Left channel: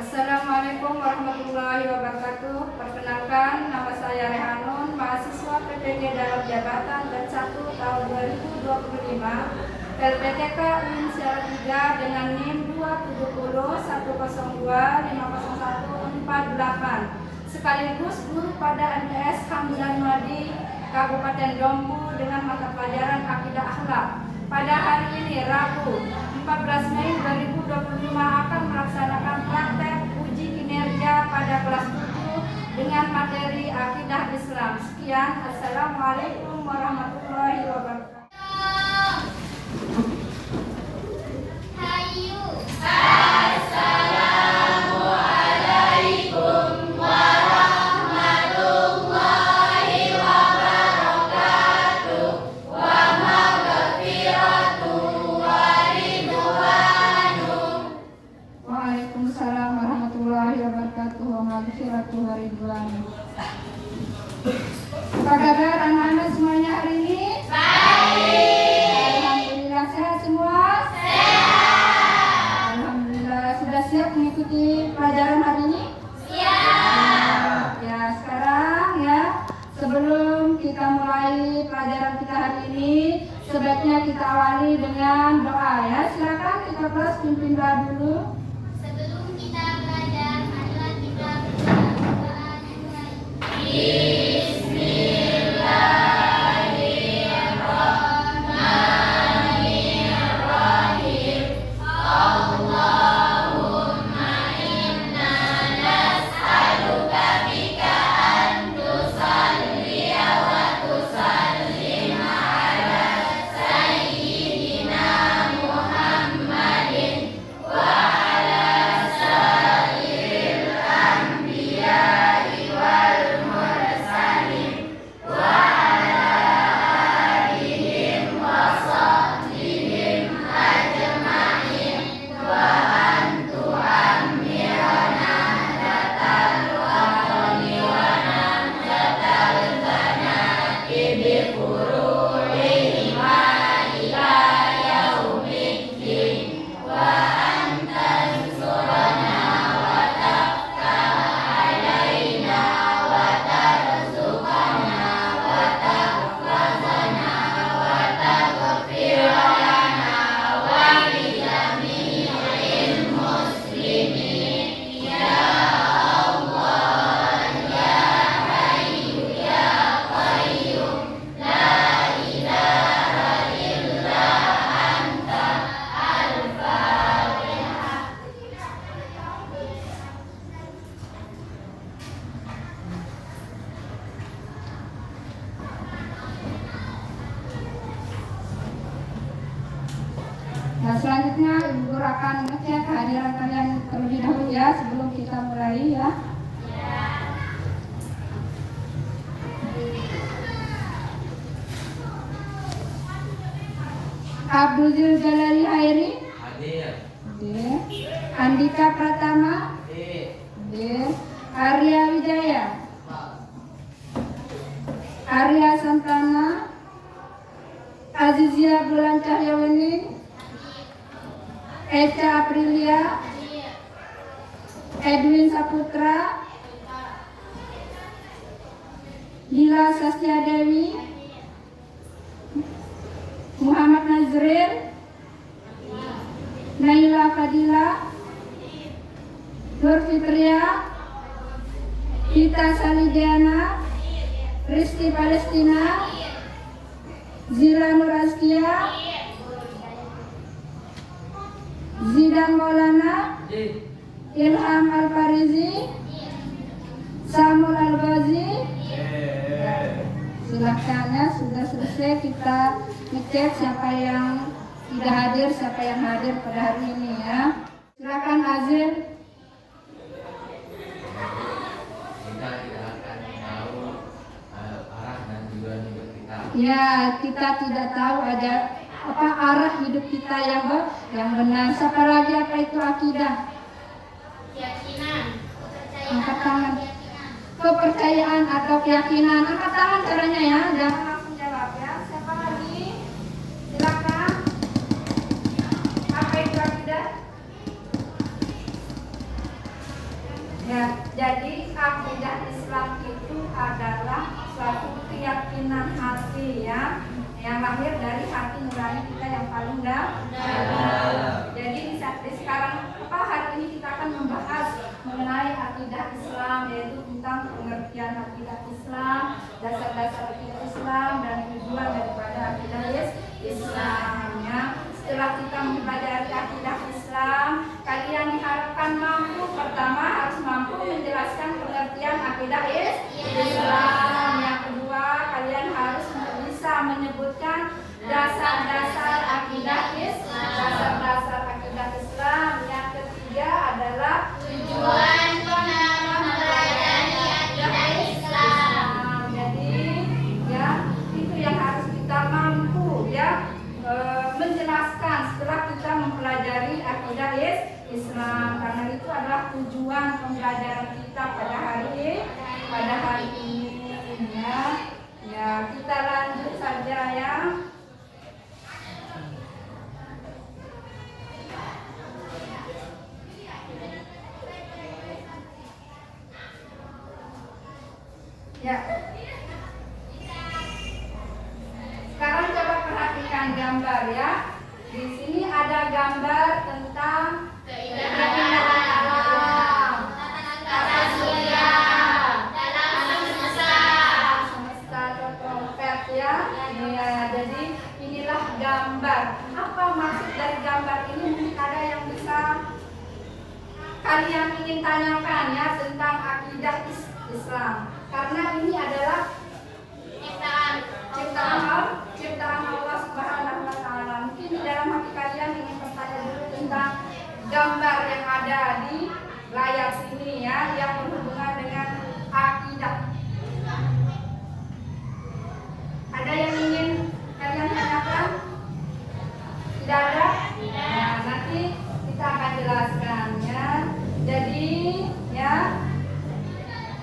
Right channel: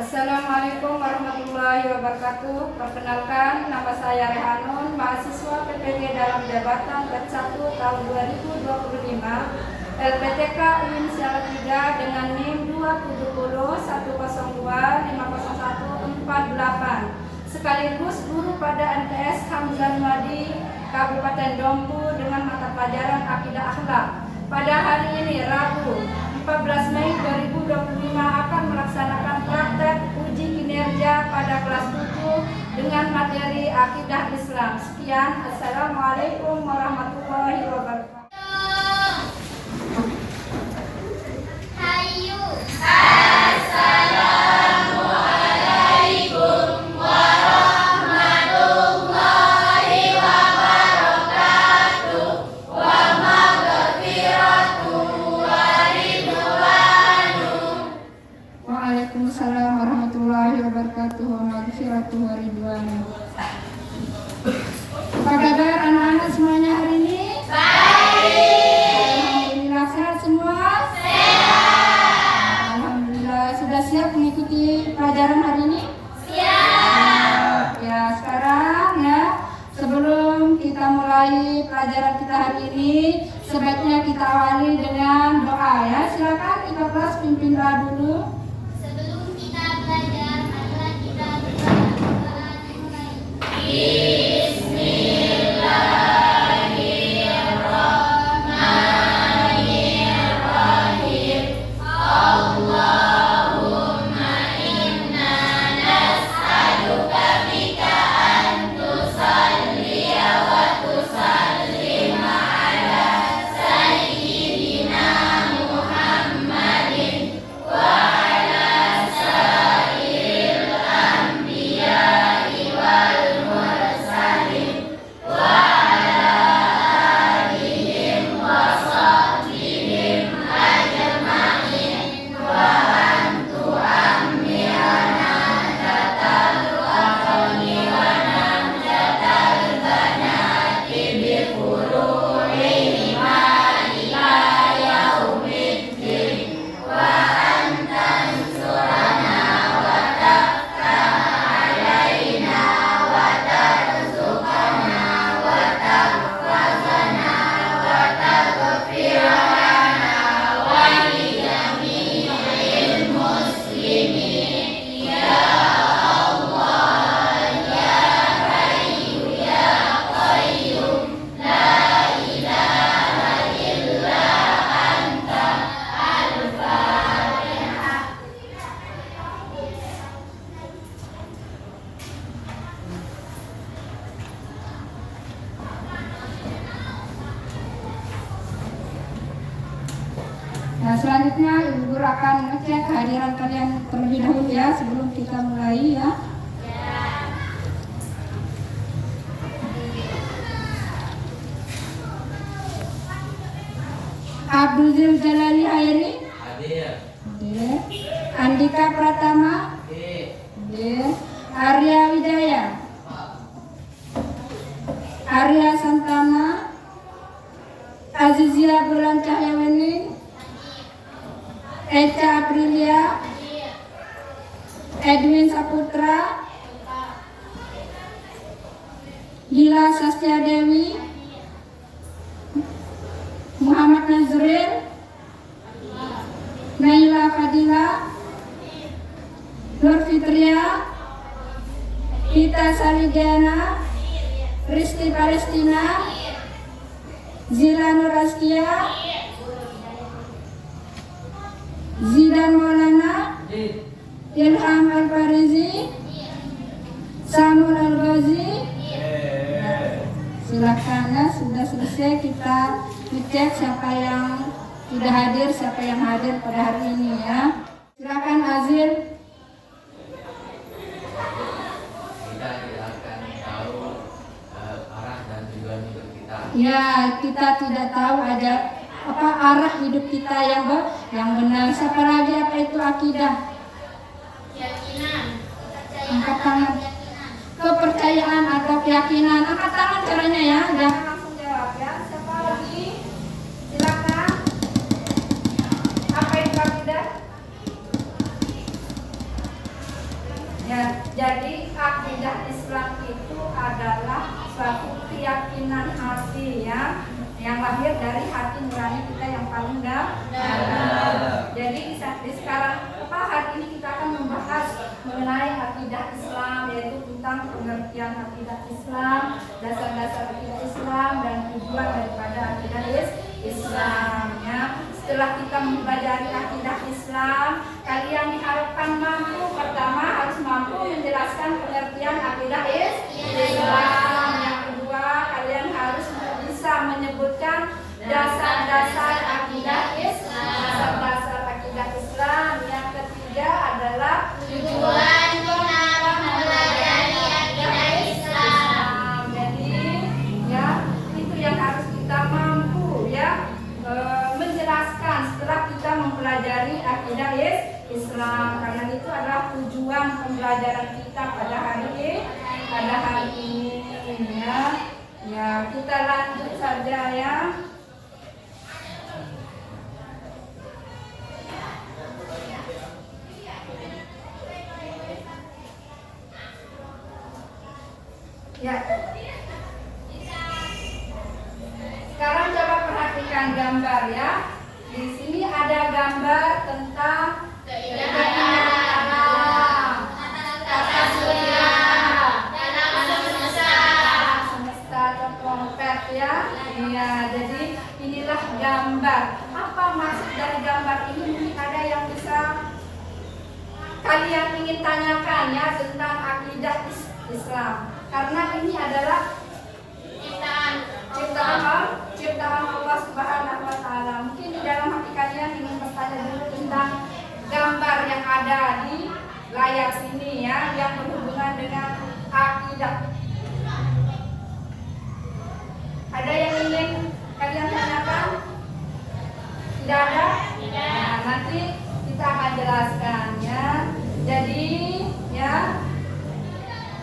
Assalamualaikum warahmatullahi wabarakatuh. Perkenalkan, nama saya Rehanun, mahasiswa PPG dalam jabatan dan 1 tahun 2025, LPTK UIN Siaran 3 dengan NIM 27010250148, sekaligus guru pada MTS Hamzan Madi Kabupaten Dompu dengan mata pelajaran Akidah Akhlak. Pada hari ini Rabu 14 Mei 2025 akan melaksanakan praktek uji kinerja pada kelas 7 dengan materi Akidah Islam. Sekian, Assalamualaikum warahmatullahi wabarakatuh. Waalaikumsalam warahmatullahi wabarakatuh. Wabarakatuh waridwanu. Apa kabar anak-anak semuanya hari ini? Baik. Alhamdulillah, sehat semua? Sehat. Alhamdulillah. Sudah siap mengikuti pelajaran hari ini? Siap. Ya, sekarang ya, sebelum kita mulai pelajaran kita hari ini, sebaiknya kita awali dengan doa ya. Silakan Ibu kelas pimpin doa dulu. Nah, selanjutnya Ibu Guru akan mengecek kehadiran kalian terlebih dahulu ya sebelum kita mulai ya. Abdul Jalali Hairi hadir. Andika Pratama hadir. Arya Wijaya, Arya Santana, Azizia Bulan Cahyawani, Eca Aprilia, Edwin Saputra, Lila Sastia Dewi, Muhammad Nazril, Naila Fadila, Nur Fitria, Vita Salidiana, Risti Palestina, Zila Nur Askia, Zidan Maulana, Ilham Al-Farizi, Samuel Al-Ghazi. Silakan ya, sudah selesai kita ngecek siapa yang tidak hadir, siapa yang hadir pada hari ini ya. Silakan Azil. Kita tidak akan tahu arah dan tujuan hidup kita. Ya, kita tidak tahu ada apa arah hidup kita yang benar. Siapa lagi, apa itu akidah? Keyakinan. Angkat tangan. Kepercayaan atau keyakinan. Angkat tangan caranya ya. Jangan langsung jawab ya. Siapa lagi? Silakan. Apa itu akidah? Ya, jadi akidah Islam itu adalah suatu keyakinan hati ya, yang lahir dari hati nurani kita yang paling dalam. Jadi di sekarang hari ini kita akan membahas mengenai akidah Islam, yaitu tentang pengertian akidah Islam, dasar-dasar akidah Islam, dan tujuan daripada akidah Islam ya. Setelah kita mempelajari akidah Islam, kalian diharapkan mampu, pertama harus mampu menjelaskan pengertian akidah Islam. Yang kedua, kalian harus bisa menyebutkan dasar-dasar akidah Islam. Dasar-dasar akidah Islam. Yang ketiga adalah Tujuan kita mempelajari akidah Islam. Jadi ya, itu yang harus kita mampu ya menjelaskan setelah kita mempelajari akidah Islam. Karena itu adalah tujuan pembelajaran kita pada hari ini ya. Ya, kita lanjut saja ya. Ya. Sekarang coba perhatikan gambar ya. Di sini ada gambar tentang keindahan alam, tata surya, semesta atau trompet ya. Iya, jadi inilah gambar. Apa maksud dari gambar ini? Mungkin ada yang bisa kalian ingin tanyakan ya tentang akidah Islam. Karena ini adalah ciptaan Allah Subhanahu wa taala. Mungkin di dalam hati kalian ingin bertanya dulu tentang gambar yang ada di layar sini ya, yang berhubungan dengan akidah. Ada yang ingin kalian tanyakan? Tidak ada? Nah, nanti kita akan jelaskan ya. Jadi ya,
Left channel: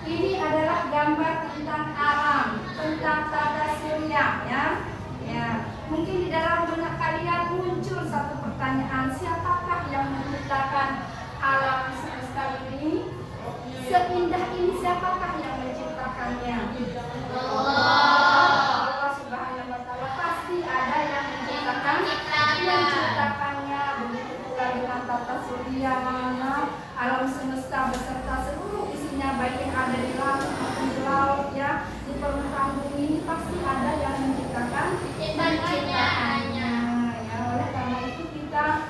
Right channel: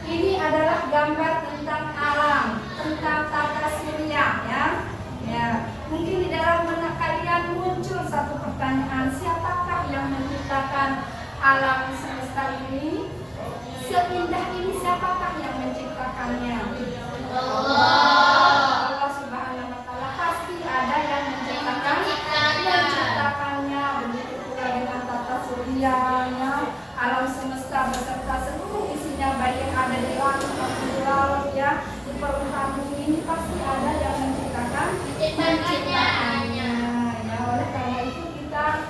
ini adalah gambar tentang alam, tentang tata surya ya. Ya, mungkin di dalam benak kalian muncul satu pertanyaan, siapakah yang menciptakan alam semesta ini? Seindah ini siapakah yang menciptakannya? Allah Subhanahu wa taala. Pasti ada yang menciptakannya. Begitu pula dengan tata surya, alam semesta beserta seluruh isinya, baik yang ada di langit maupun di laut ya, di permukaan bumi ini pasti ada yang menciptakannya ya. Oleh karena itu kita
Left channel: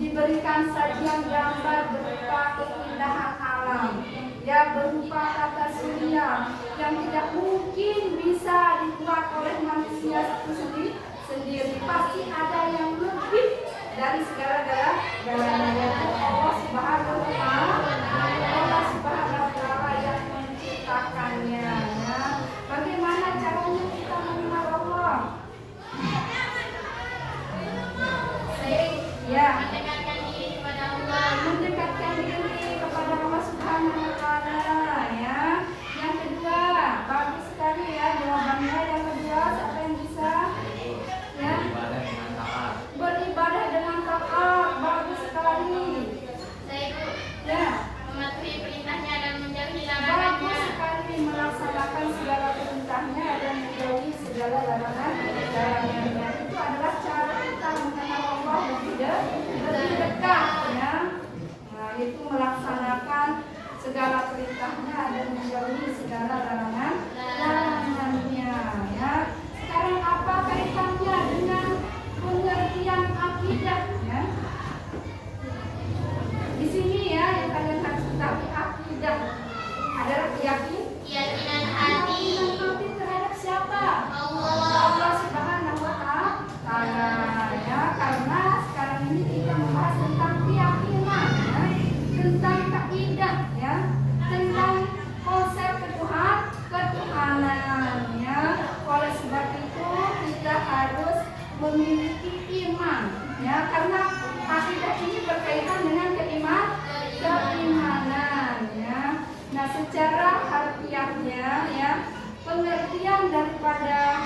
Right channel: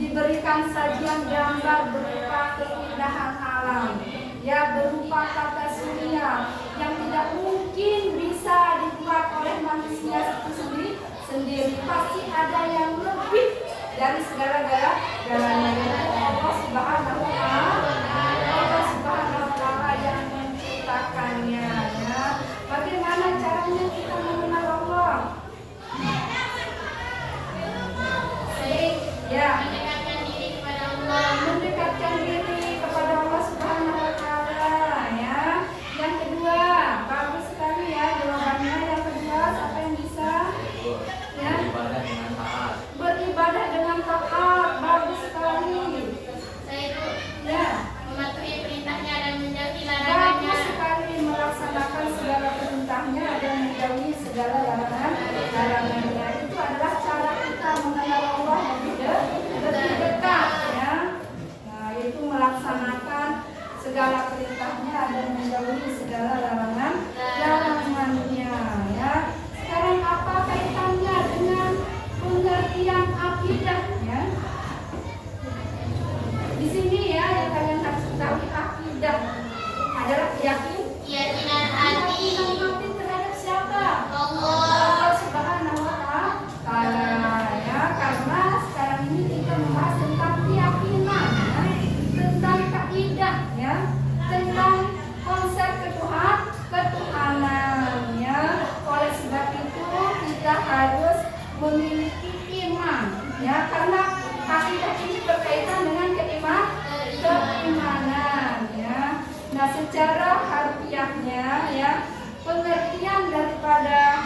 diberikan sajian gambar berupa keindahan alam ya, berupa tata surya yang tidak mungkin bisa dibuat oleh manusia itu sendiri. Pasti ada yang lebih dari segala-galanya. Allah Subhanahu wa taala yang menciptakannya ya. Bagaimana caranya kita mengenal Allah? Ya, mendekatkan diri kepada Allah. Mendekatkan diri kepada Allah Subhanahu wa taala ya. Yang kedua, bagus sekali ya jawabannya. Yang kedua, siapa yang bisa? Ya. Beribadah dengan taat. Beribadah dengan taat, bagus sekali. Saya itu Ya. mematuhi perintahnya dan menjauhi Bagus larangannya. sekali melaksanakan segala perintahnya dan menjauhi segala larangannya. Itu adalah cara kita mengenal Allah lebih dekat ya. Nah, itu melaksanakan segala perintahnya dan menjauhi segala larangannya ya. Sekarang apa kaitannya dengan pengertian akidah ya? Di sini ya yang kalian harus ketahui, akidah adalah Keyakinan hati terhadap siapa? Allah. Allah Subhanahu wa taala ya. Karena sekarang ini kita membahas tentang keyakinan ya, tentang kaidah ya, tentang konsep ketuhanan ya. Oleh sebab itu kita harus memiliki iman ya, karena akidah ini berkaitan dengan keimanan ya. Nah, secara harfiahnya ya, pengertian daripada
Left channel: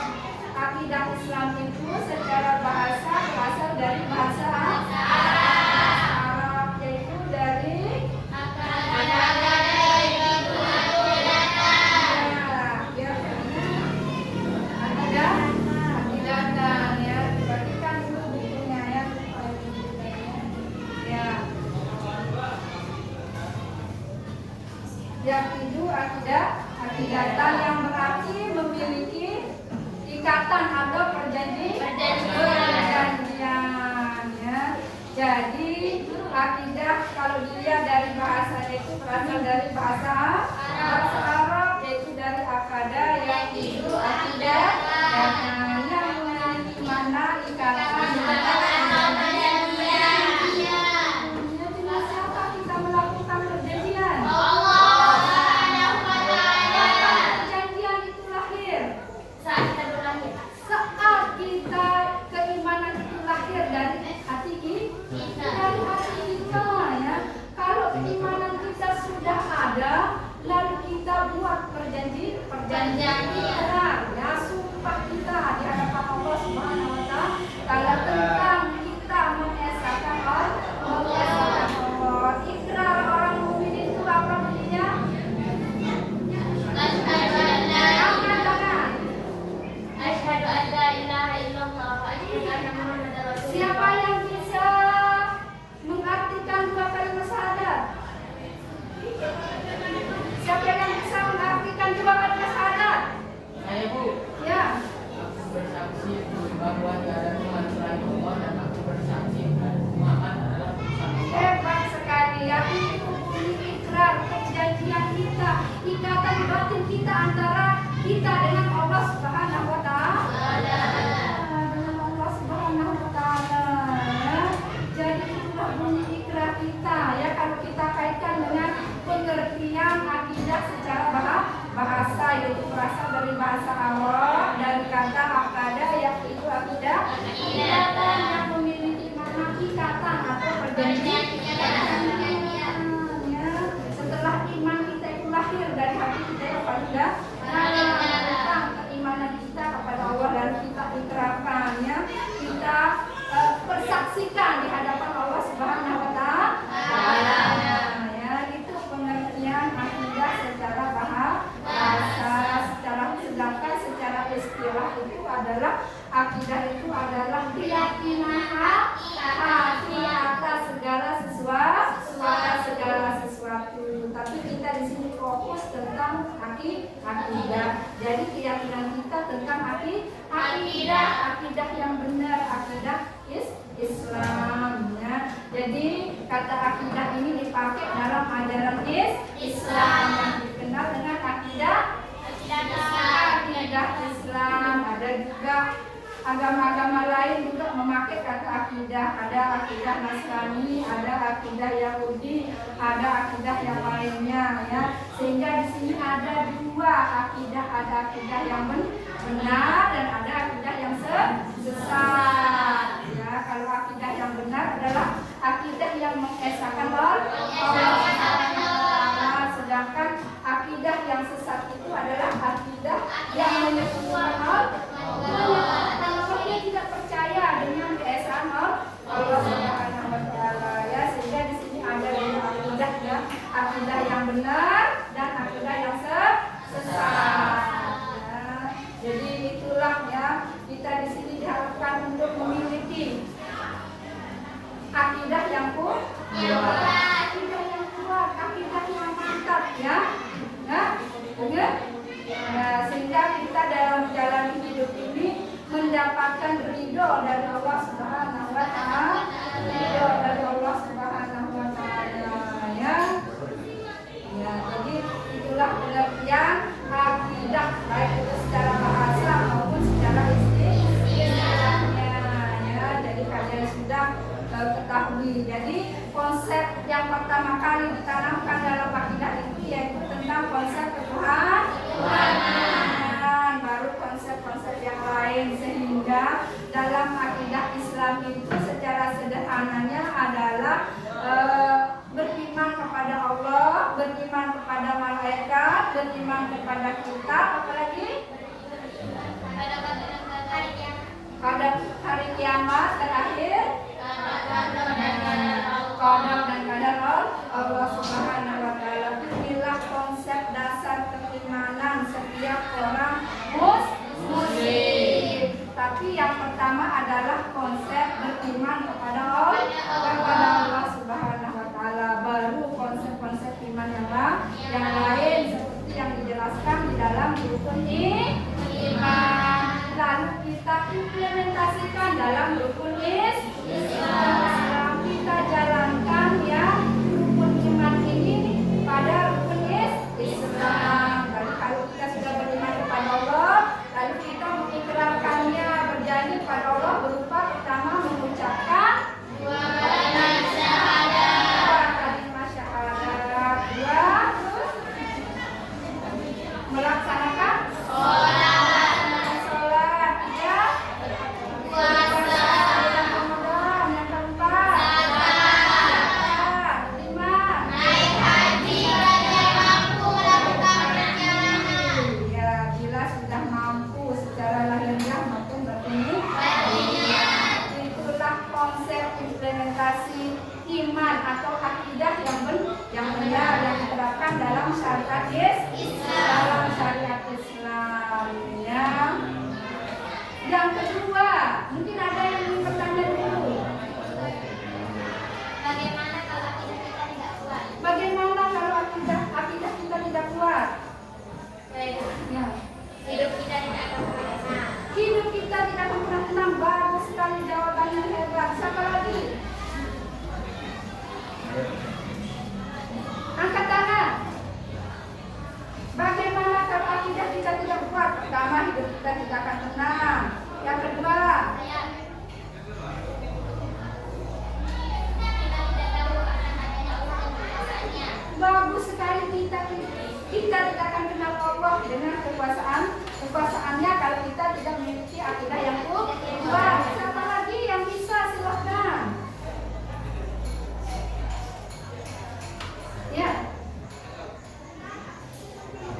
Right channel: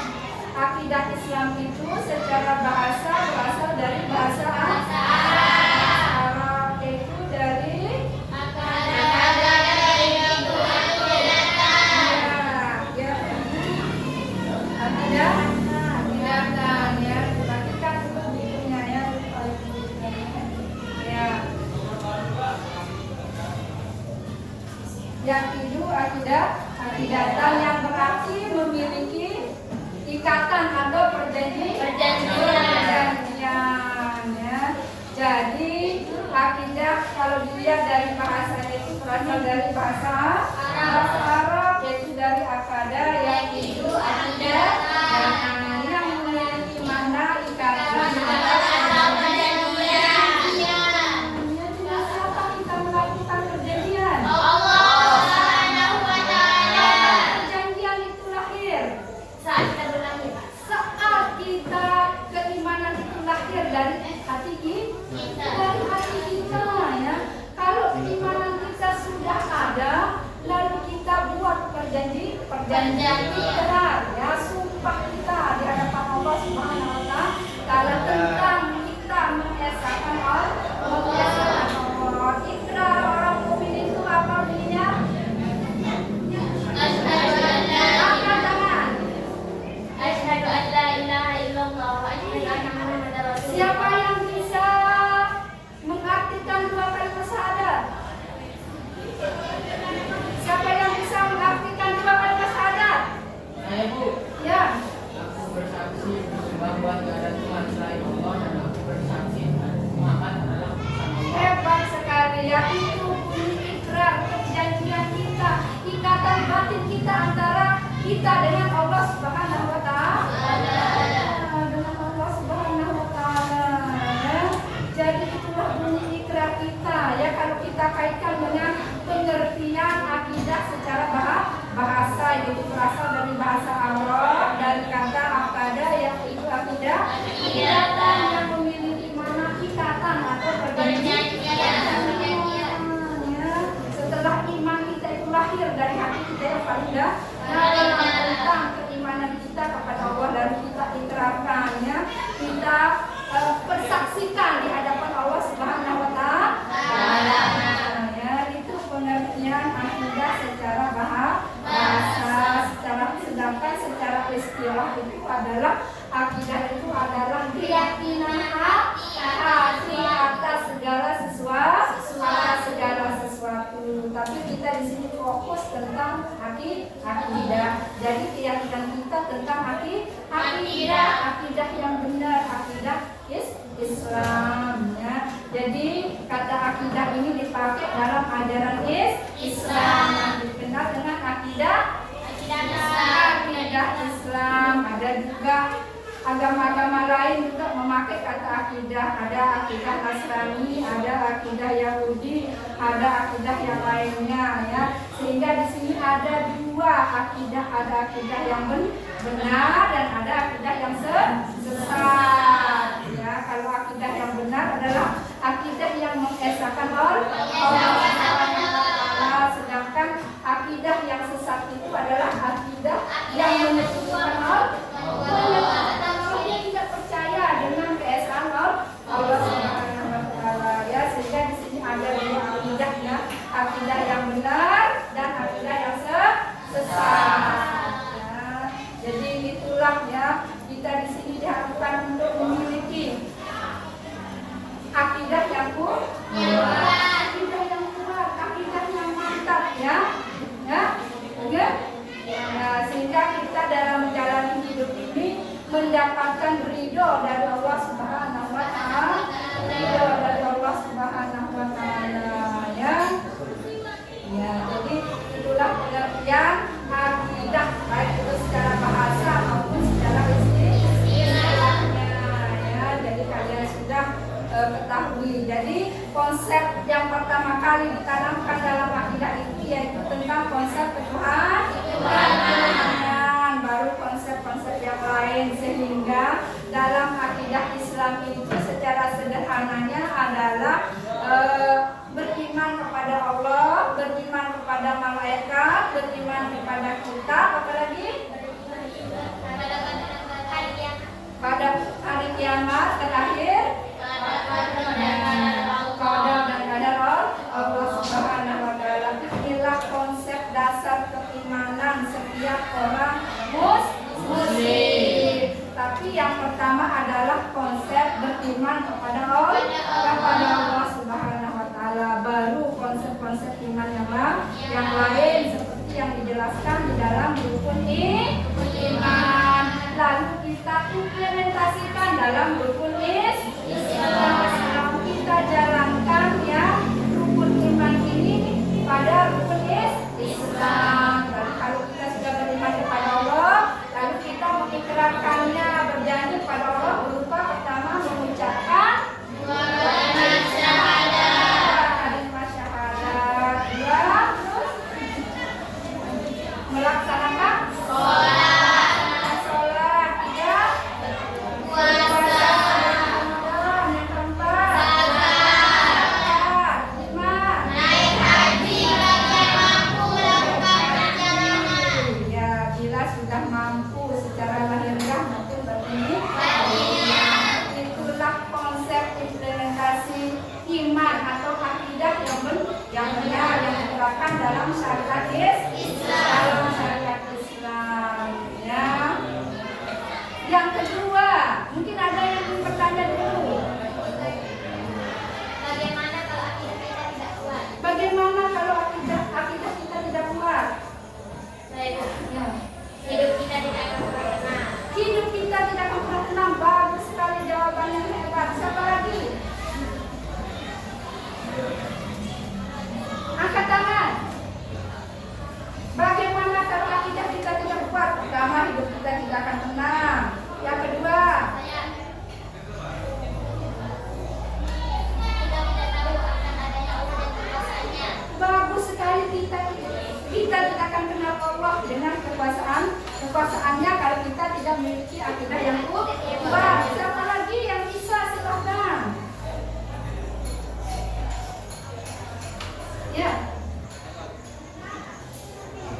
akidah Islam itu secara bahasa berasal dari bahasa Arab, yaitu dari Kata Yakidu akidatan yang berarti memiliki ikatan atau perjanjian ya. Jadi akidah kalau dilihat dari bahasanya itu berasal dari bahasa Arab, yaitu dari akada yakidu akidah yang memiliki mana ikatan siapa kita melakukan perjanjian. Perjanjian itu lahir saat kita keimanan itu lahir dari hati kita ya. Kalau keimanan kita sudah ada, lalu kita buat perjanjian ikrar ya, sumpah kita di hadapan Allah Subhanahu wa taala tentang kita mengesahkan Allah. Ikrar orang mukmin itu apa bunyinya? Angkat tangan. Asyhadu an la ilaha illallah wa asyhadu anna Muhammadar Rasulullah. Siapa yang bisa mengartikan dua kalimat syahadat? Siapa yang bisa mengartikan dua kalimat syahadat? Saya Bu, Ya. aku bersaksi bahwa tidak ada Tuhan selain Allah dan aku bersaksi Muhammad adalah utusan Allah. Hebat sekali ya, itu bunyi ikrar perjanjian kita, ikatan batin kita antara kita dengan Allah Subhanahu wa taala. Dengan Allah Subhanahu wa taala ya. Jadi itulah bunyi ikrar kita ya, kalau kita kaitkan dengan pengertian akidah secara bahasa, yaitu berasal dari bahasa Arab dari kata akada yaitu akidah yang memiliki makna ikatan atau perjanjian. Setelah iman kita itu lahir dari hati kita yang paling tentang keimanan kita kepada Allah dan kita ikrarkannya, kita persaksikan di hadapan Allah Subhanahu wa taala. Ya, itu pengertian akidah secara bahasa, sedangkan secara istilah itu adalah akidah itu adalah keyakinan hati atas segala sesuatu. Tapi kita di sini fokus tentang akidah. Jadi keyakinan kita tentang akidah yang benar, akidah Islam ya. Jadi kata akidah ini dipakai dalam ajaran Islam yang dikenal dengan akidah Islam. Ada juga agama-agama lain juga memakai kata akidah. Ada akidah Nasrani, ada akidah Yahudi, ada akidah yang lainnya ya. Sehingga di sini ada dua akidah, ada akidah yang benar dan ada akidah yang sesat. Ya, kalau akidah yang benar adalah akidah yang mengesahkan Allah, sedangkan akidah yang sesat itu adalah akidah yang menyebutkan Allah. Dia tidak percaya dengan keesaan Allah Subhanahu wa taala ya, sehingga di sini ada dua akidah ya, akidah yang benar dan akidah yang sesat. Ya, jadi itulah ya, kita di sini diharapkan untuk memiliki akidah yang kuat, akidah yang kuat, akidah yang mantap ya. Ya, sehingga kita dalam menjalani hidup ini mendapatkan ridho dari Allah Subhanahu wa taala, ridho dari Allah Subhanahu wa taala ya. Ya, jadi itulah pengertian akidah baik itu secara bahasa maupun secara istilahnya ya. Jadi kalian sudah ketahui. Jadi konsep yang pertama kali ditanamkan dalam akidah itu yaitu tentang konsep ketuhanan, baru konsep-konsep yang lain, sehingga dalam akidah Islam itu secara sederhananya adalah beriman kepada Allah, beriman kepada malaikat, beriman kepada kita, apalagi pada hari kiamat terakhir, qadar dan qadar Allah Subhanahu wa taala. Inilah konsep dasar keimanan setiap orang muslim. Tapi yang pertama adalah konsep beriman kepada Allah Subhanahu wa taala, baru konsep-konsep iman yang lain syariat Islam. Syariat Islam ya. Yang kedua, mungkin ada yang ingin bertanya dulu. Bagaimana kalau akidah kita tidak kuat? Bagaimana kalau akidah kita tidak kuat? Baik, Ya. hidup kita tidak akan pernah tenang. Hidup kita tidak akan pernah tenang. Bagus sekali jawabannya, hebat. Siapa lagi? Angkat tangan. Bagaimana kalau akidah kita tidak kuat? Pertama, hidup kita tidak akan tenang. Yang kedua, Kita tidak tahu akan adanya Allah dan kekuasaannya. bagus sekali kita tidak akan kenal Allah dengan kekuasaannya kalau kita tidak memiliki akidah yang kuat. Siapa lagi yang bisa? Silakan. Ya.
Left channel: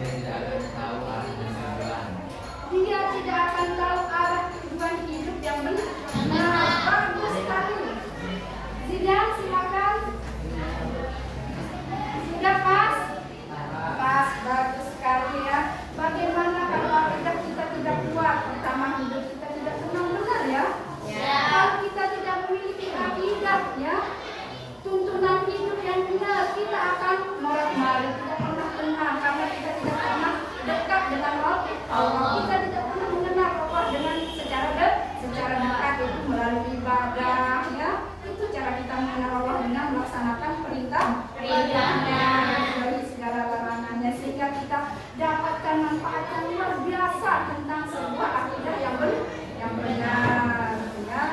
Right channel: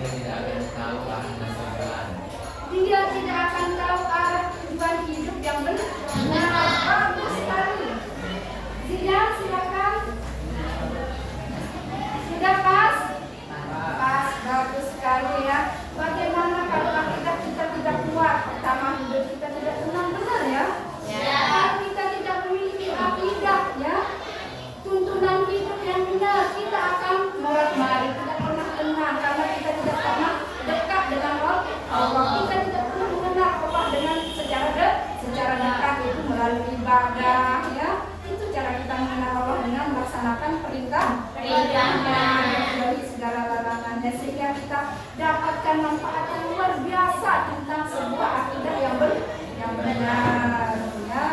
Dia tidak akan tahu arah dan tujuan. Dia tidak akan tahu arah tujuan hidup yang benar. Bagus sekali. Dia silakan. Sudah pas? Pas, bagus sekali ya. Bagaimana kalau akidah kita tidak kuat? Pertama, hidup kita tidak tenang, benar ya? Ya. Kalau kita tidak memiliki akidah ya, tuntunan hidup yang benar, kita akan morat-marit, tidak pernah tenang karena kita tidak pernah dekat dengan Allah. Kita tidak pernah mengenal Allah dengan secara dekat, itu melalui ibadah ya. Itu cara kita mengenal Allah dengan melaksanakan perintahnya, menjauhi segala larangannya, sehingga kita dapatkan manfaat yang luar biasa tentang sebuah akidah yang benar ya.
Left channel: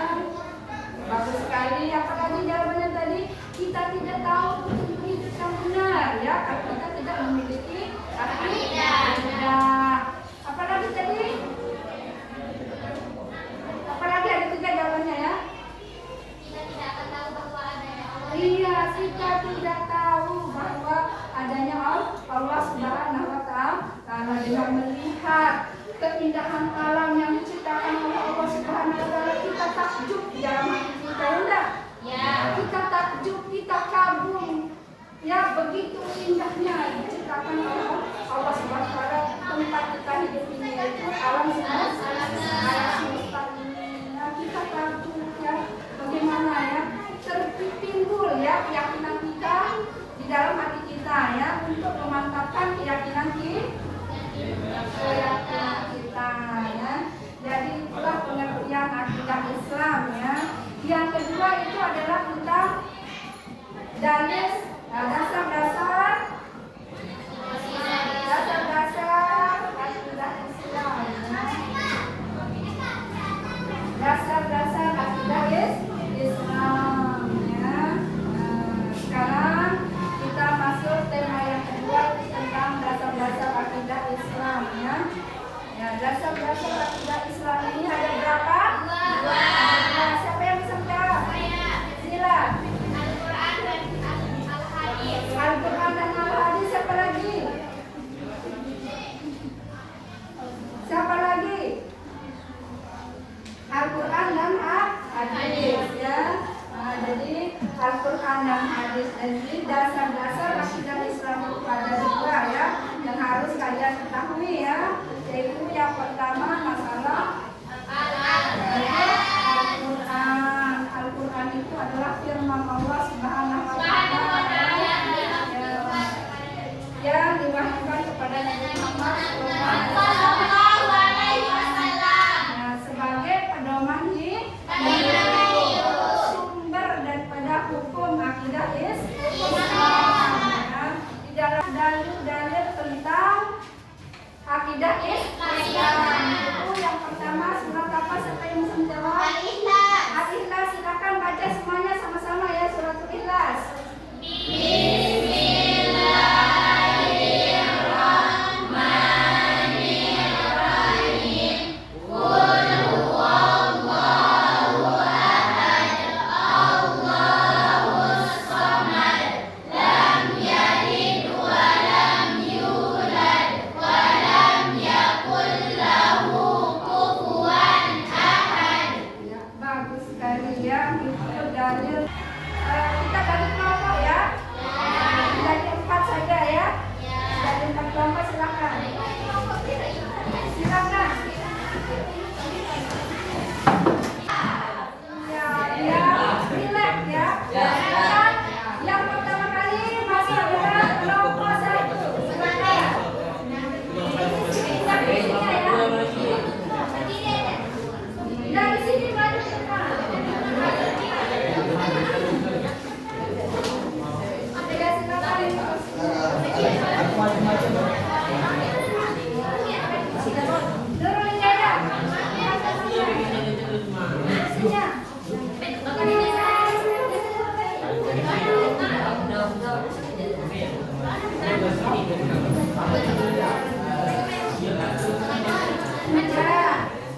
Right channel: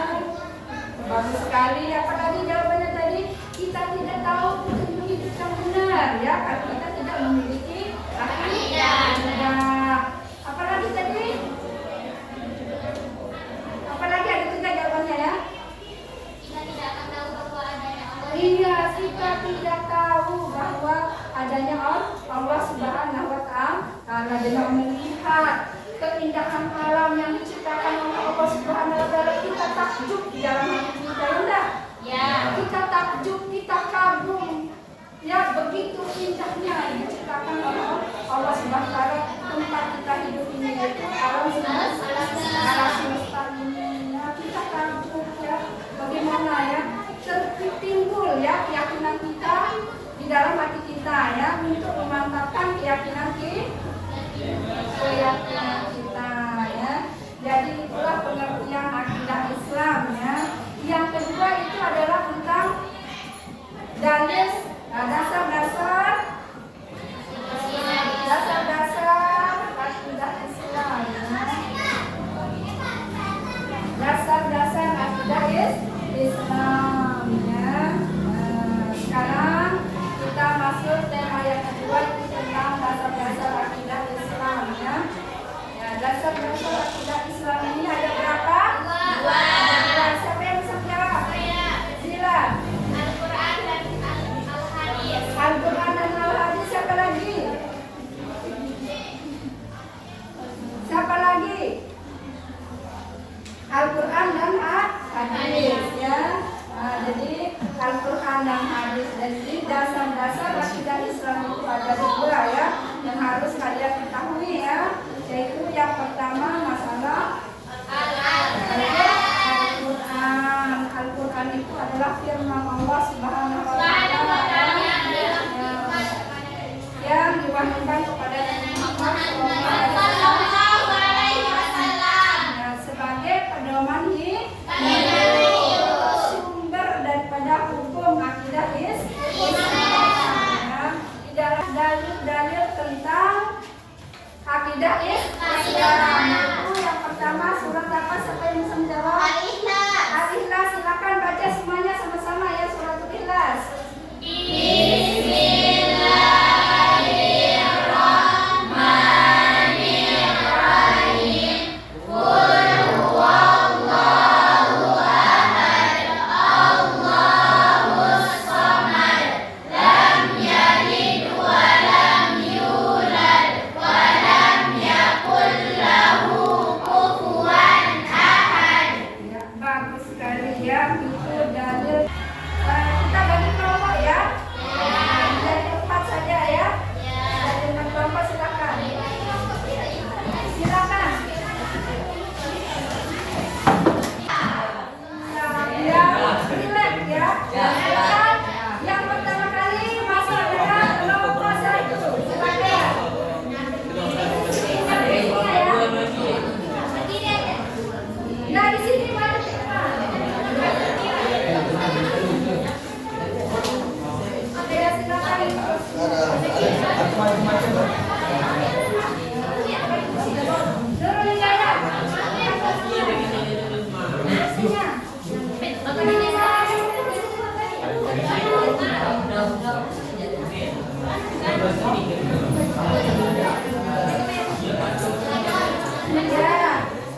Bagus sekali. Apalagi jawabannya tadi, kita tidak tahu petunjuk hidup yang benar ya, karena kita tidak memiliki akidah. Apalagi tadi? Apalagi ada 3 jawabannya ya. Kita tidak akan tahu bahwa adanya Allah. Iya, kita tidak tahu bahwa adanya Allah Subhanahu wa Ta'ala, dengan melihat keindahan alam yang diciptakan oleh Allah Subhanahu wa Ta'ala, kita takjub di dalam hati kita ya enggak? Ya. Kita takjub, kita kagum ya, begitu indahnya diciptakan oleh Allah Subhanahu wa Ta'ala tempat kita hidup ini, yaitu alam semesta ini ya. Kita kagum ya, bagaimana ya tertimbul ya keyakinan kita di dalam hati kita ya, untuk memantapkan keyakinan kita ya. Jadi itulah pengertian akidah Islam ya. Yang kedua itu adalah tentang dalil, dasar-dasar akidah Islam ya. Dasar-dasar akidah Islam ya. Sekarang kita masuk tema yang kedua tentang dasar-dasar akidah Islam ya. Ya, dasar-dasar akidah Islam ini ada berapa? 2. Siapa yang bisa jawab? Sila. Al-Quran dan Al-Hadis. Al-Quran dan Al-Hadis. Siapa lagi? Siapa lagi? Al-Quran dan Hadis ya. Nah, jadi Al-Quran dan Hadis. Jadi dasar-dasar akidah Islam itu ada 2 ya, yang harus kalian ketahui ya. Yaitu yang pertama masalah Al-Quran. Al-Quran itu adalah firman Allah Subhanahu wa Ta'ala yang diwahyukan kepada Nabi Muhammad SAW sebagai pedoman hidup, sumber daripada hukum akidah Islam. Di dalam dalil-dalil tentang akidah Islam itu yang pertama surat apa? Siapa yang bisa menjawab? Al-Ikhlas. Al-Ikhlas. Silakan baca semuanya sama-sama ya, surat Al-Ikhlas. Ya, Nurul Hidayah. Ya,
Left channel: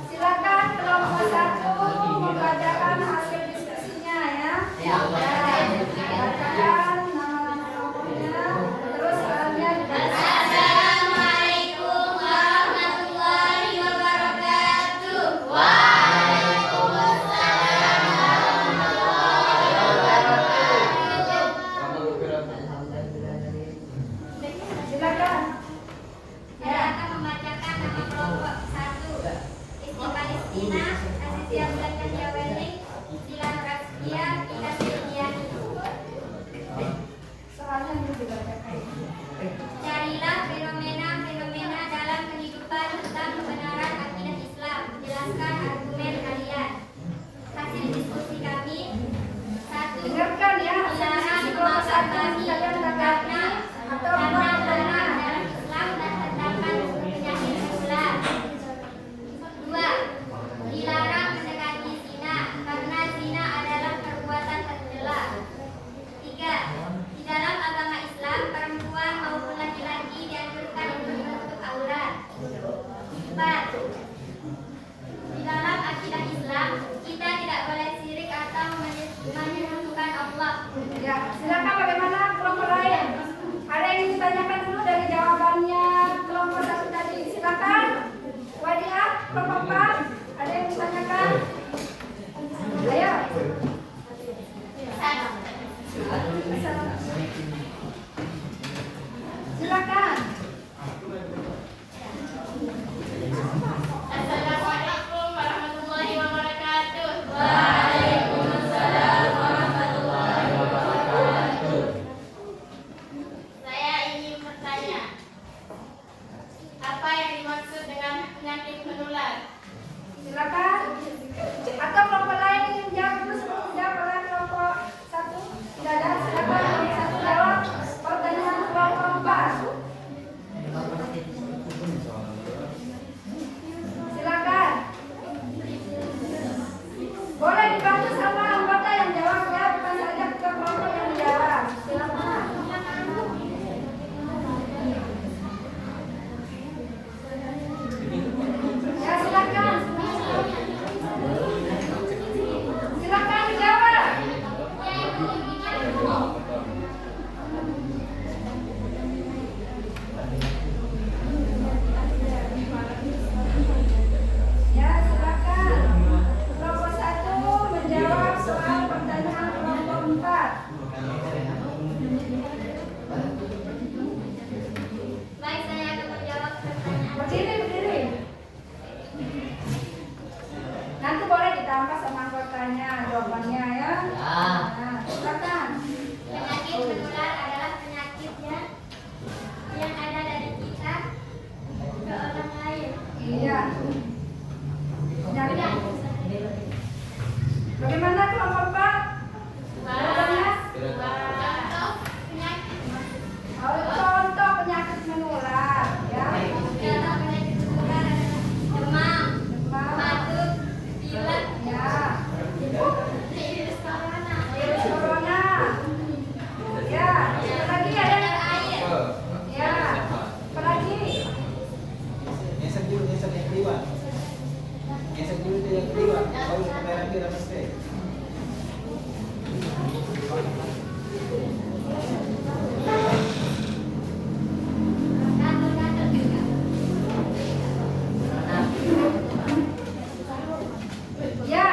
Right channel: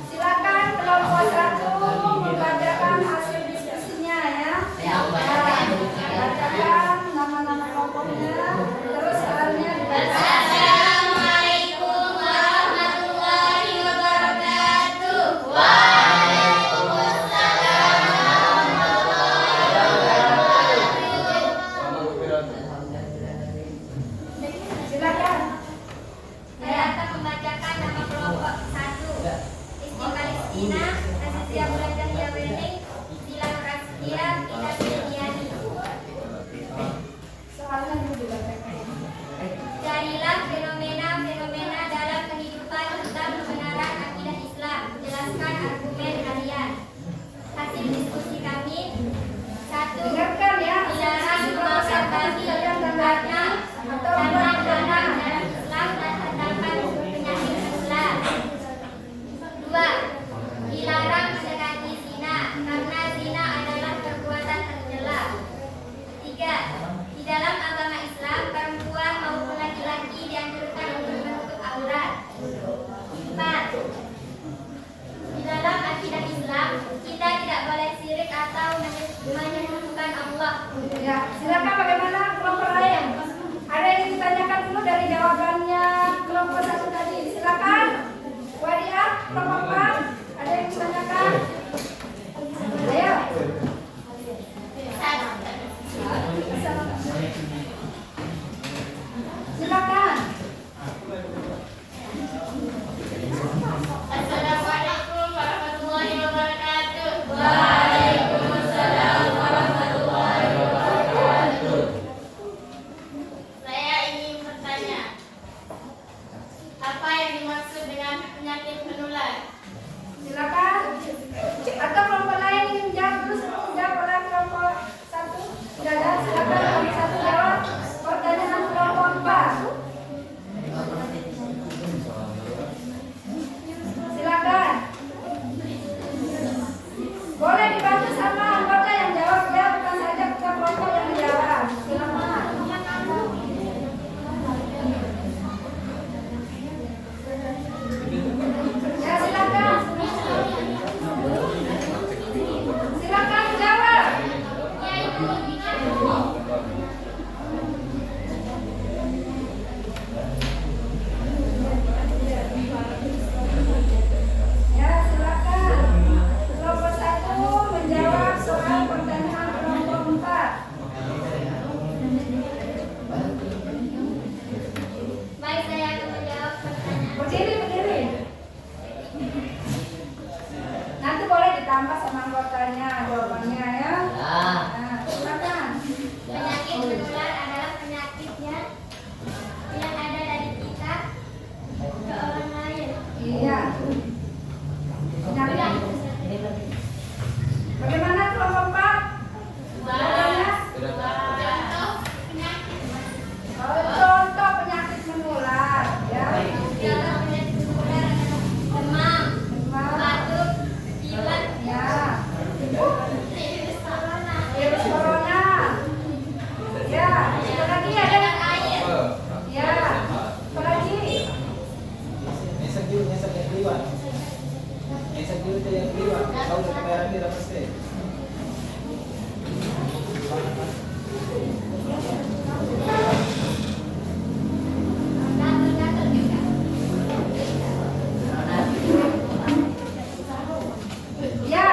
silakan kelompok 1 membacakan hasil diskusinya ya. Bacakan nama-nama kelompoknya, terus soalnya dibaca. Assalamualaikum warahmatullahi wabarakatuh. Silakan. Saya akan membacakan nama kelompok 1. Isti Palestina, Azitia Bulan Cahya Wening, Dilan Rastia, Tina Setiani. Soalnya itu dibacakan. Carilah fenomena-fenomena dalam kehidupan tentang kebenaran akidah Islam. Jelaskan argumen kalian. Hasil diskusi kami: 1. Dengarkan ya. Dilarang Kelompok 1 memakan kalian babi karena atau karena buat dilarang karena. dalam Islam dan terdapat penyakit menular. 2. Dilarang mendekati zina karena zina adalah perbuatan tercela. 3. Di dalam agama Islam, perempuan maupun laki-laki dianjurkan untuk menutup aurat. 4. Di dalam akidah Islam, kita tidak boleh syirik atau menyekutukan Allah. Ya, silakan bagaimana kelompok lain? Ada yang ingin ditanyakan dulu dari jawabannya kelompok 1 tadi? Silakan. Wadia, kelompok 4. Ada yang ditanyakan? Ayo. Silakan. Assalamualaikum warahmatullahi wabarakatuh. Saya ingin bertanya, apa yang dimaksud dengan penyakit menular? Silakan. Atau kelompok lain ingin menjawab terus dijawab oleh kelompok 1? Tidak ada. Silakan kelompok 1 jawab pertanyaan kelompok 4. Silakan. Boleh dibantu sama anggota yang jawab ya, bukan saja ketua kelompok yang jawab. Silakan. Ya silakan. Silakan jawab. Ya silakan. Kelompok 1 menjawab soal pertanyaan kelompok 4. Baik, saya akan menjawab pertanyaan. Berdiri. Nanti boleh ditambah sama anggotanya jawabannya ya. Nah, silakan. Penyakit menular adalah penyakitnya yang ada dari kita ke orang lain. Iya. Penyakit. Bagaimana kelompok 4? Jawabannya? Contoh penyakit Contoh penyakit menular ya. adalah penyakit menular adalah demam, batuk, pilek, Ya. virus corona, Virus corona. Ya. Apalagi ada dan air. ya. Apalagi Nyesek dulu yang keliwat. Nyesek dulu tuh yang keliwat. Tahu kamera dia dapat steak. Gatal-gatal juga. ya.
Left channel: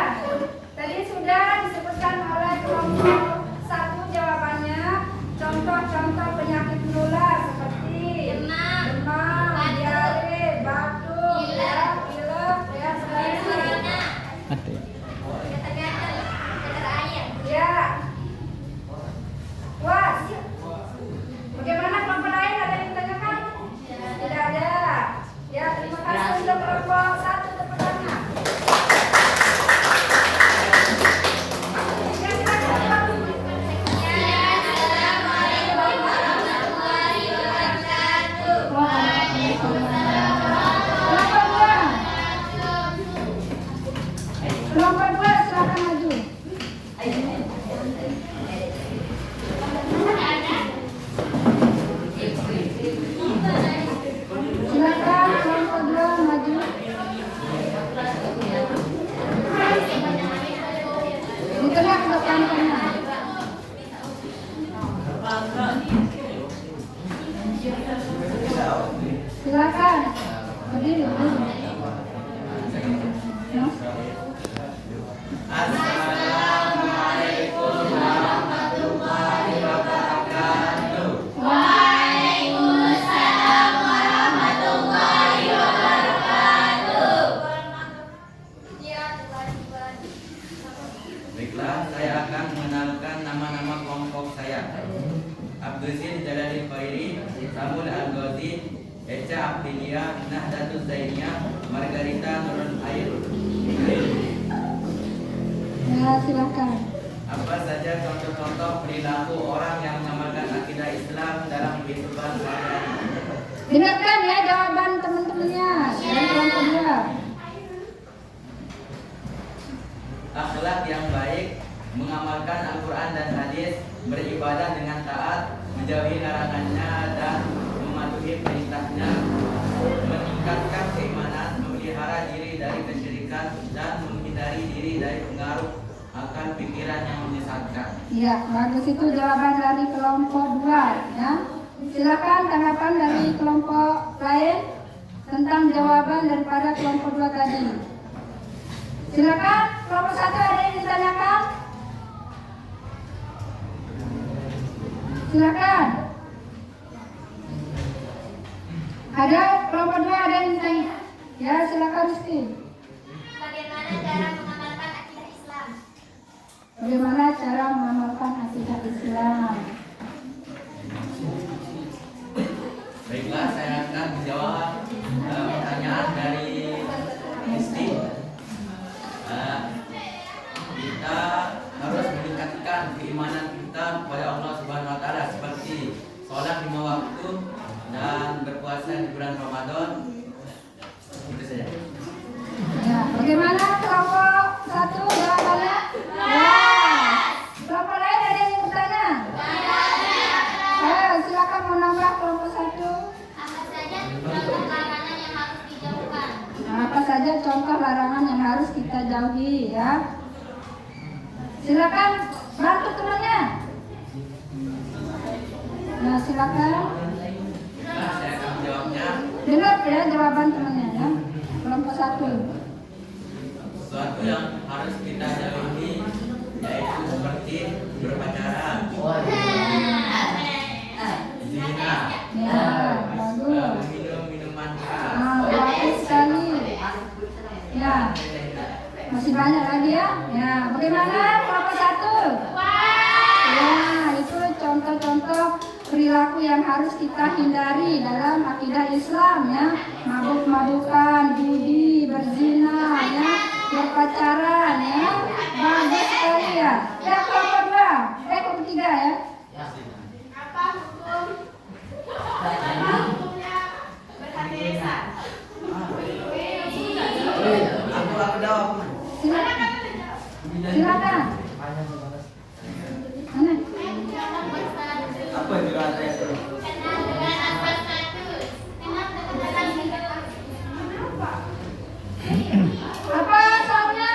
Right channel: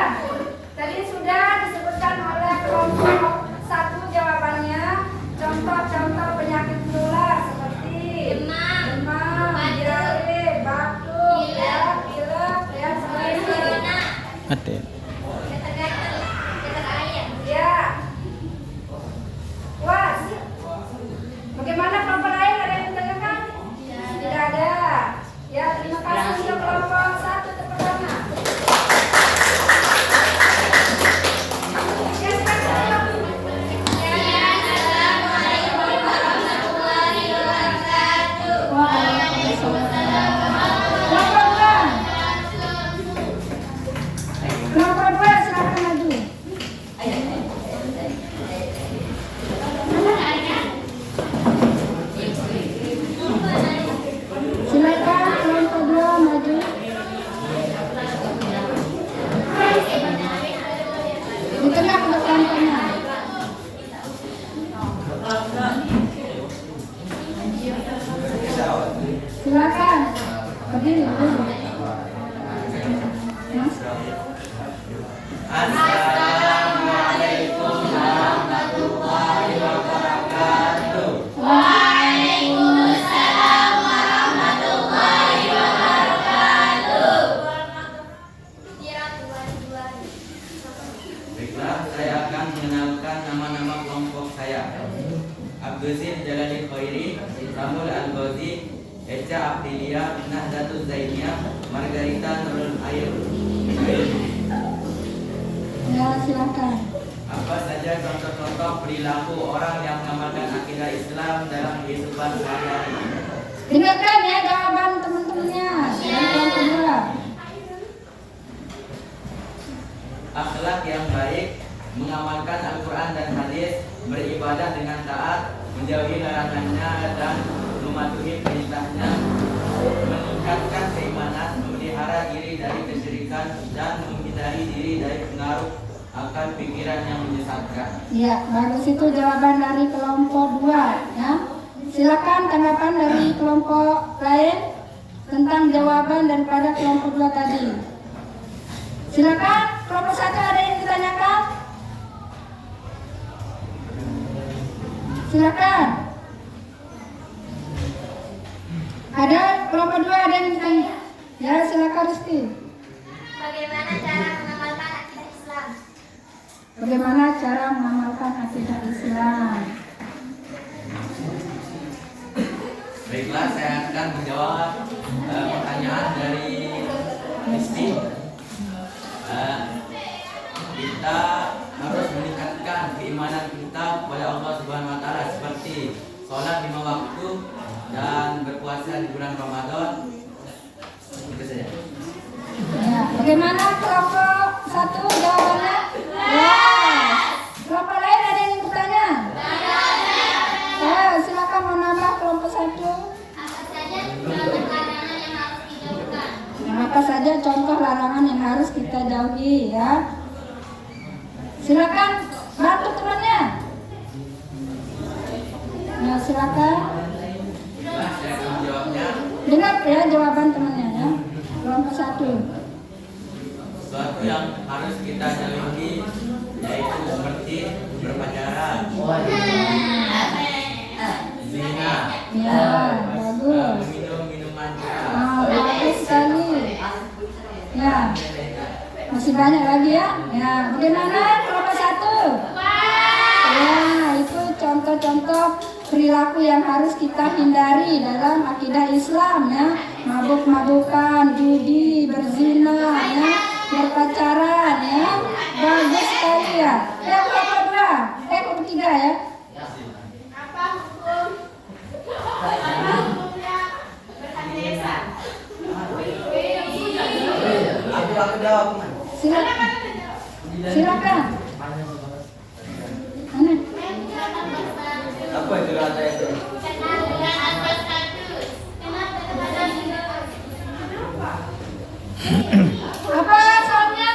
Tadi sudah disebutkan oleh kelompok 1 jawabannya. Contoh-contoh penyakit menular seperti Demam, batuk, diare, batuk, pilek, pilek, ya, virus selain corona, Ada. gatal-gatal, gatal air. ya. Puas. Bagaimana kelompok lain, ada yang ditanyakan? Tidak ada. Ya, terima kasih untuk kelompok 1 tepuk tangan. Ya, silakan. Assalamualaikum warahmatullahi wabarakatuh. Khairi, Samuel Al-Ghazi, Echa Abdilia, Nahdatul Zainiyah, Margarita Nurul Ayu. Ya, silakan. Apa saja contoh-contoh perilaku orang yang mengamalkan akidah Islam dalam kehidupan sehari-hari? Dengarkan ya jawaban teman-temannya. Jawaban kedua. Akhlak yang baik, mengamalkan Al-Quran dan hadis, beribadah dengan taat, menjauhi larangannya dan mematuhi perintahnya, meningkatkan keimanan, memelihara diri dari kesyirikan dan menghindari diri dari pengaruh akan pikiran yang menyesatkan. Ya, bagus itu jawaban dari kelompok 2 ya. Silakan tanggapan dari kelompok lain tentang jawaban daripada kelompok 2 tadi. Silakan kelompok 1 ada yang ditanyakan? Silakan. Ada kelompok 2 ada yang ditanya? Ya, silakan Rizky. Bagaimana cara mengamalkan akidah Islam? Bagaimana cara mengamalkan akidah Islam? Baiklah, saya akan menjawab pertanyaan dari Rizky. Kita harus meningkatkan keimanan kita kepada Allah Subhanahu wa taala seperti sholat 5 waktu dan berpuasa di bulan Ramadan. Itu saja. Ya, bagaimana kelompok 1 jawabannya? Ya. Kelompok lain ada yang bertanya? Silakan menambah kelompok 1. Apa saja contoh larangan yang harus dijauhkan? Nah, apa saja contoh larangan yang harus kita jauhi ya? Silakan bantu temannya. Nah, silakan. Nah, saya akan menjawabnya. Dengar ya jawaban temannya ya. Kelompok 1. Sesuatu yang harus kita jauhi yaitu seperti berpacaran, zina, Ya, bagus. meminum minuman keras. Bagus sekali. Ya, masih banyak lagi ya. Ya, bagaimana kelompok 1? Ya, itu contoh-contoh perilaku yang harus kita hindari dalam akidah Islam ya. Mabuk-mabukan, judi, berzina ya, berpacaran ya. Bagus sekali ya. Ya, kelompok 2. Kelompok 3 ya. Apa hukumnya berhati lisan? Aku jawab. Silakan. Silakan. Mana? Apa jelas itu? Bukan atas status. Kenapa? Apa soalnya?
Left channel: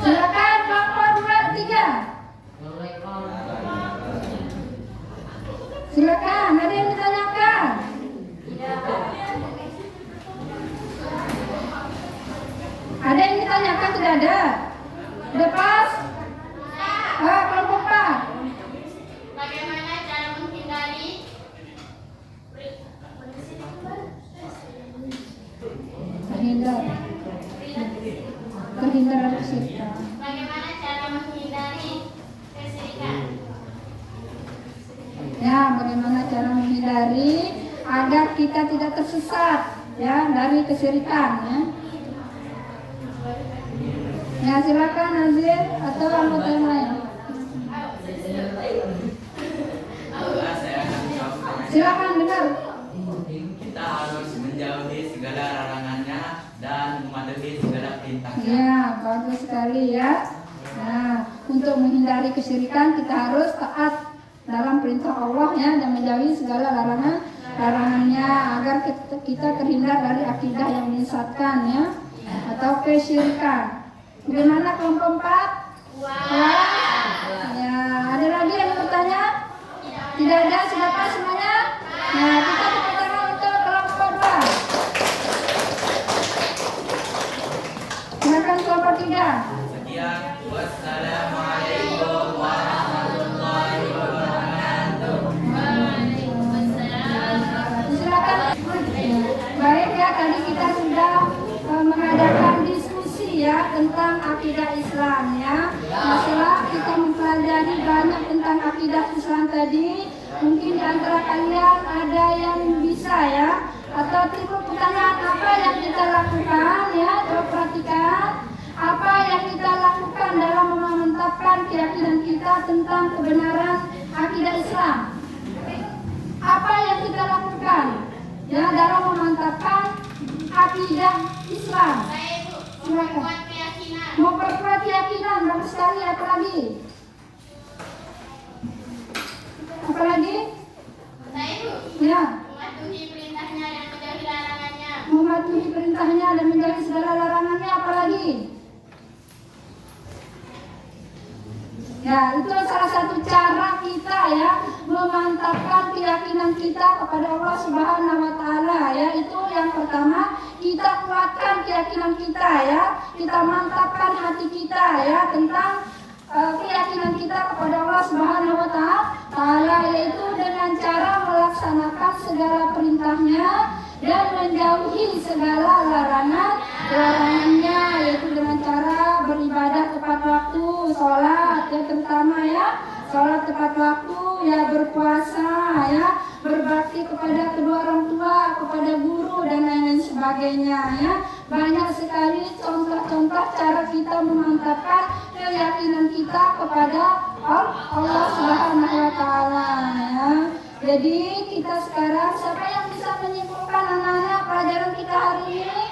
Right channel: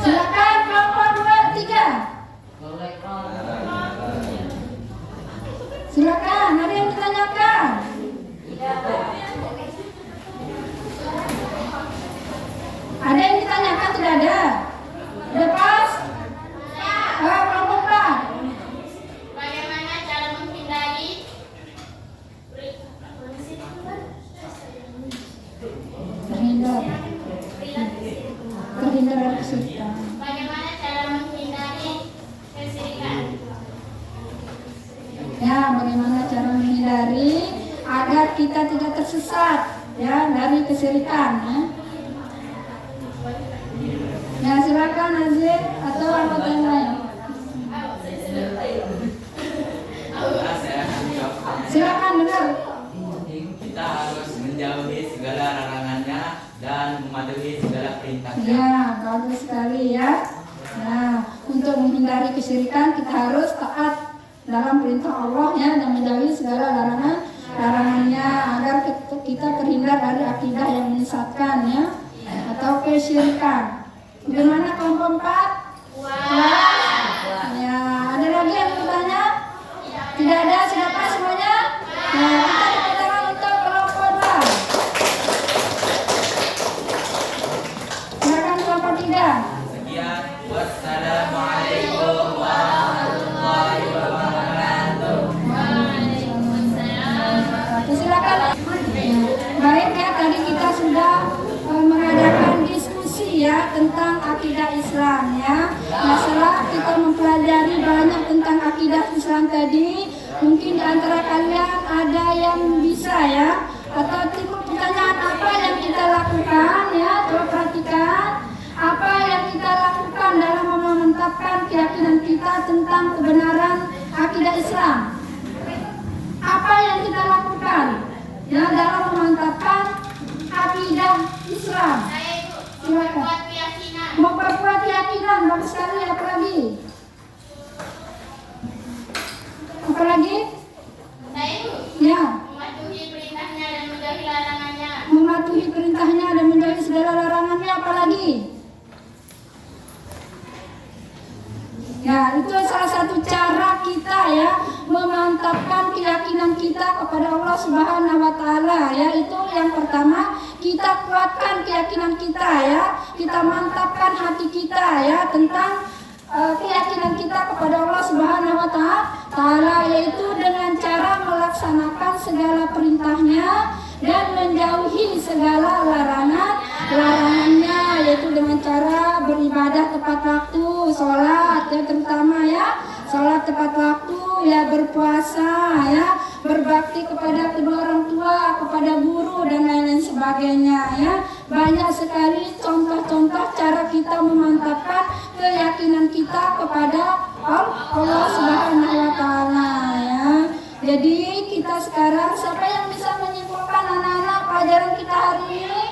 Silakan kelompok 2, 3. Silakan, ada yang ditanyakan? Ada yang ditanyakan tidak ada? Lepas? Kelompok 4. Bagaimana cara menghindari Terhindar dari kesyirikan. Bagaimana cara menghindari kesyirikan? Ya, bagaimana cara menghindari agar kita tidak tersesat ya dari kesyirikan ya. Ya, silakan Nazir atau anggota yang lain. Saya akan menjawab. Silakan dengar. Kita harus menjauhi segala larangannya dan mematuhi segala perintahnya. Ya, bagus sekali ya. Nah, untuk menghindari kesyirikan kita harus taat dalam perintah Allah ya dan menjauhi segala larangannya agar kita terhindar dari akidah yang menyesatkan ya atau kesyirikan. Bagaimana kelompok 4? Ya, ada lagi yang bertanya? Tidak ada, silakan semuanya. Nah, kita tepuk tangan untuk kelompok 2. Silakan kelompok 3. Sekian, wassalamualaikum warahmatullahi wabarakatuh. Silakan. Baik ya, tadi kita sudah mengadakan diskusi ya tentang akidah Islam. antara kalian ada yang bisa ya? Atau timbul pertanyaan apa yang kita lakukan ya? Coba perhatikan apa yang kita lakukan dalam memantapkan keyakinan kita tentang kebenaran akidah Islam. Apa yang kita lakukan ya dalam memantapkan akidah Islam? Silakan. Memperkuat keyakinan, bagus sekali. Apa lagi? Apa lagi? Ya. Mematuhi perintahnya dan menjauhi larangannya. Mematuhi perintahnya dan menjauhi segala larangannya. Apa lagi? Ya, itu salah satu cara kita ya memantapkan keyakinan kita kepada Allah Subhanahu wa taala ya. Itu yang pertama, kita kuatkan keyakinan kita ya. Kita mantapkan hati kita ya tentang keyakinan kita kepada Allah Subhanahu wa taala, yaitu dengan cara melaksanakan segala perintahnya dan menjauhi segala larangannya, yaitu dengan cara beribadah tepat waktu, sholat ya terutama ya, sholat tepat waktu ya, berpuasa ya, berbakti kepada kedua orang tua, kepada guru dan lain-lain sebagainya ya. Banyak sekali contoh-contoh cara kita memantapkan keyakinan kita kepada Allah Subhanahu wa taala ya. Jadi kita sekarang, siapa yang bisa menyimpulkan anak-anak pelajaran kita hari ini?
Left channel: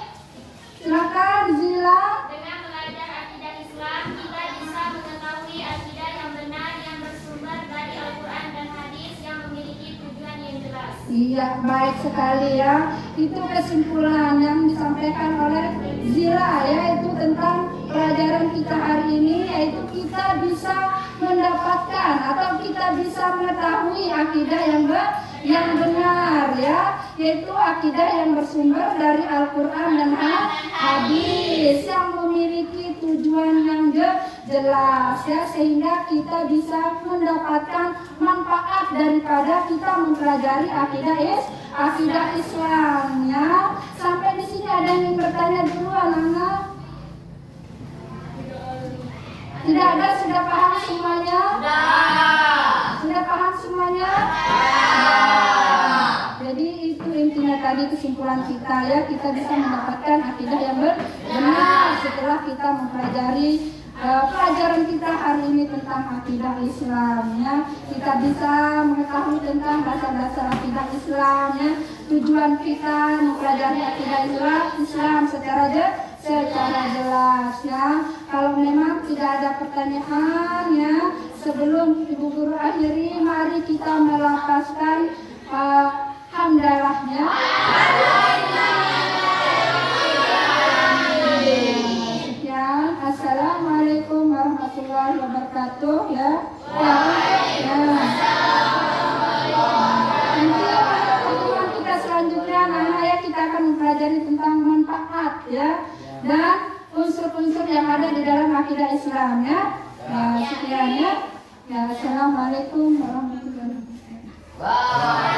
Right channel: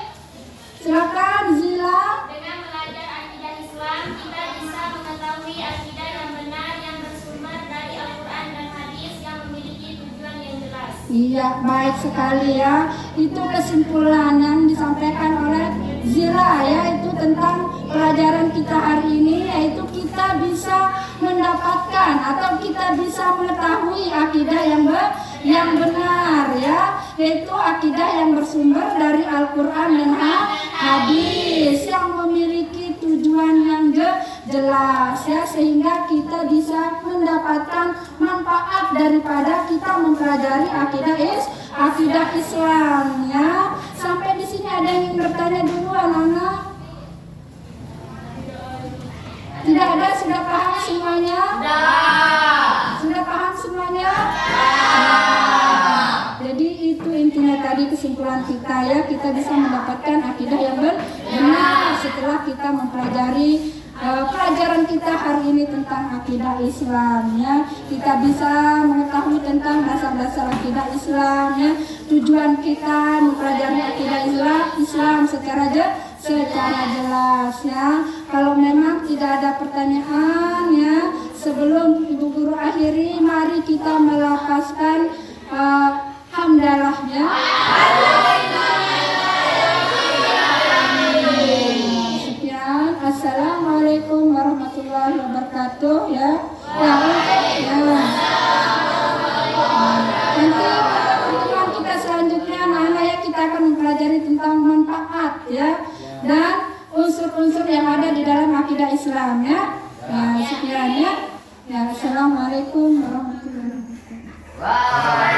Silakan Zila. Dengan belajar akidah Islam, kita bisa mengetahui akidah yang benar yang bersumber dari Al-Quran dan Hadis yang memiliki tujuan yang jelas. Iya, baik sekali ya. Itu kesimpulan yang disampaikan oleh Zila ya, itu tentang pelajaran kita hari ini, yaitu kita bisa mendapatkan atau kita bisa mengetahui akidah yang benar ya, yaitu akidah yang bersumber dari Al-Quran dan Hadis yang memiliki tujuan yang jelas ya, sehingga kita bisa mendapatkan manfaat daripada kita mempelajari akidah Islam ya. Sampai di sini ada yang ingin bertanya dulu anak-anak? Tidak ada, sudah paham semuanya? Sudah paham semuanya? Jadi itu intinya tadi kesimpulan kita ya, kita bisa mendapatkan akidah yang benar setelah kita mempelajari pelajaran kita hari ini tentang akidah Islam ya. Kita bisa mengetahui tentang dasar-dasar akidah Islam ya. Tujuan kita mempelajari akidah Islam secara jelas ya. Kalau memang tidak ada pertanyaan ya, sebelum Ibu Guru akhiri, mari kita melafazkan hamdalah ya. Sekian, assalamualaikum warahmatullahi wabarakatuh ya. Nanti pertemuan kita selanjutnya anak-anak ya, kita akan mempelajari tentang manfaat ya dan unsur-unsur yang ada di dalam akidah Islam ya. Sekian ya. Assalamualaikum warahmatullahi wabarakatuh.